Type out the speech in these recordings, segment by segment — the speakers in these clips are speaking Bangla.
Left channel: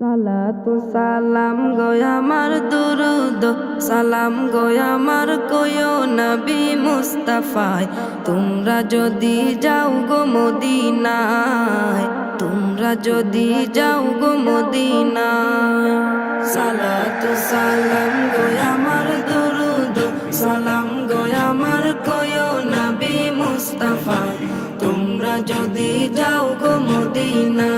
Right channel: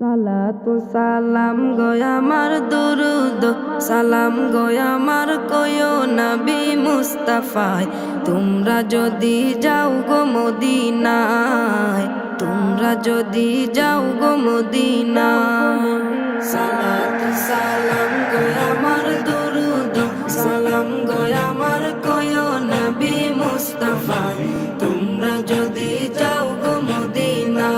সালাতু সালাম গয় আমার দুরুদ সালাম গয় আমার কয়ো নবী মুস্তাফায়। তোমরা যদি যাও গো মদিনায়, তোমরা যদি যাও গো মদিনায়। সালাতু সালাম গয় আমার দুরুদ সালাম গয় আমার কয়ো নবী মুস্তাফায়। তোমরা যদি যাও গো মদিনায়,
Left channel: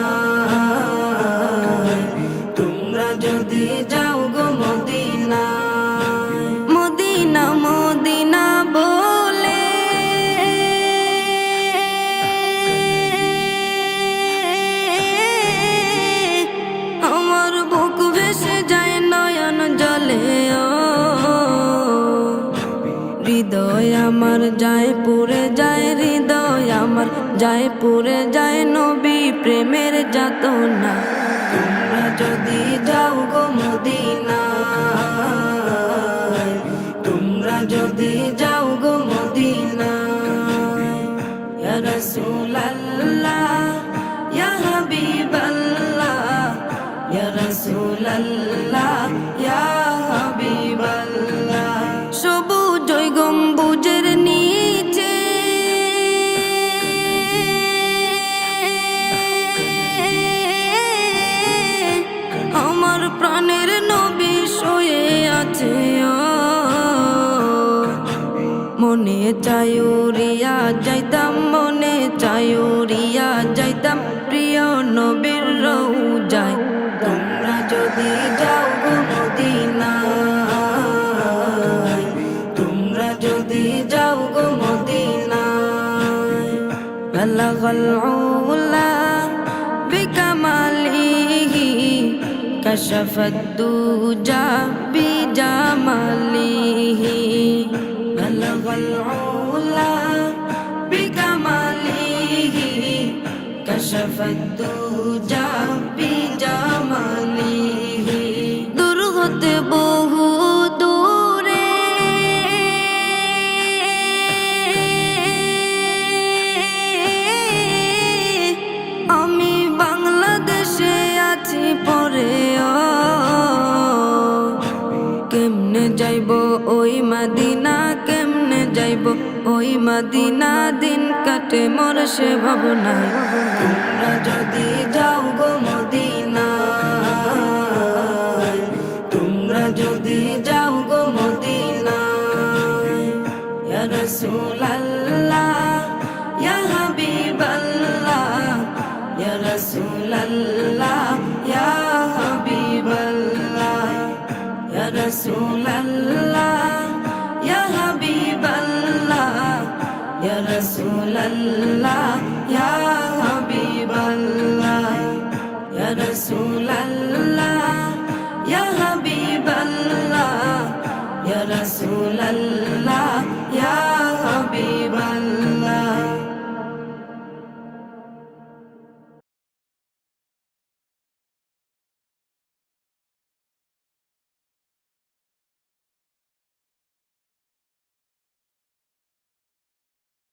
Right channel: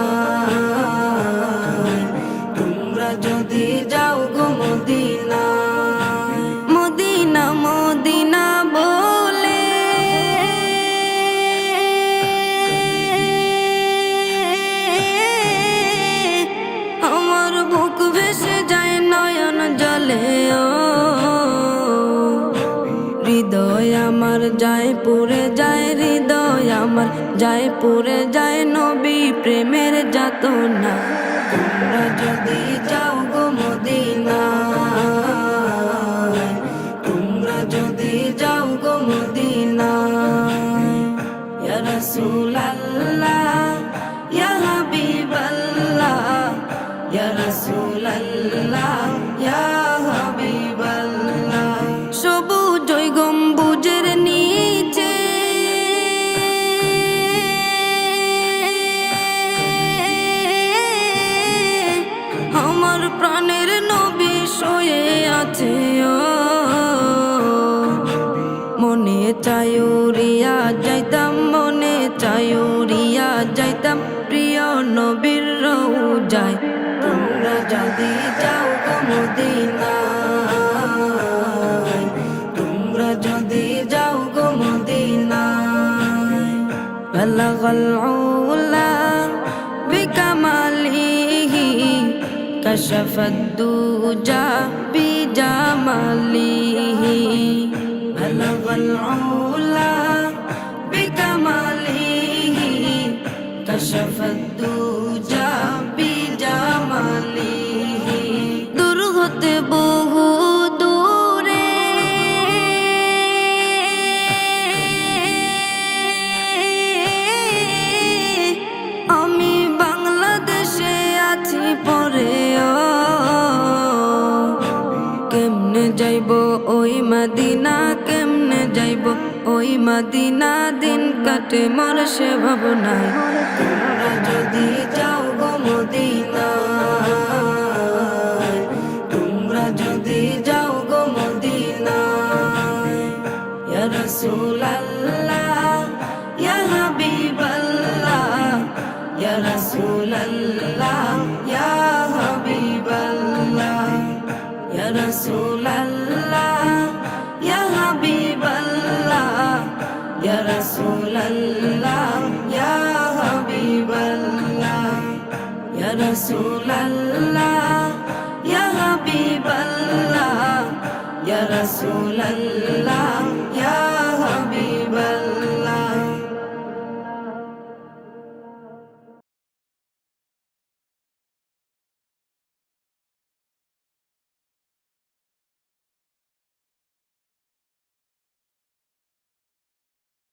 তোমরা যদি যাও গো মদিনায়। মদিনা মদিনা বলে আমার বুক ভেসে যায় নয়ন জলে। ও হৃদয় আমার যায় পুরে যায়, হৃদয় আমার যায় পুরে যায় নবী প্রেমের যাতনা। তোমরা যদি যাও গো মদিনায়, তোমরা যদি যাও গো মদিনায়। ইয়া রাসূলুল্লাহ ইয়া হাবিবাল্লাহ, ইয়া রাসূলুল্লাহ ইয়া হাবিবাল্লাহ। সবুজ ওই গম্বুজের নিচে আমার প্রাণের নবী শুয়ে আছে। ও মনে চায় উড়িয়া যাইতাম, মনে চায় উড়িয়া যাইতাম প্রিয় নবীর রওজায়। তোমরা যদি যাও গো মদিনায়, তোমরা যদি যাও গো মদিনায়। বালাগাল উলা বিকামালিহি কাশাফাদ দুজা বিজামালিহি। বালাগাল উলা বিকামালিহি কাশাফাদ দুজা বিজামালিহি। দূর হতে বহু দূরে আমি বাংলাদেশে আছি পরে। ও কেমনে যাইব ওই মদিনা, কেমনে যাইব ওই মদিনা, দিন কাটে মোর সে ভাবনায়। তোমরা যদি যাও গো মদিনায়, তোমরা যদি যাও গো মদিনায়। ইয়া রাসূলুল্লাহ ইয়া হাবিবাল্লাহ, ইয়া রাসূলুল্লাহ ইয়া হাবিবাল্লাহ, ইয়া রাসূলুল্লাহ ইয়া হাবিবাল্লাহ, ইয়া রাসূলুল্লাহ ইয়া হাবিবাল্লাহ, ইয়া রাসূলুল্লাহ ইয়া হাবিবাল্লাহ, ইয়া রাসূলুল্লাহ ইয়া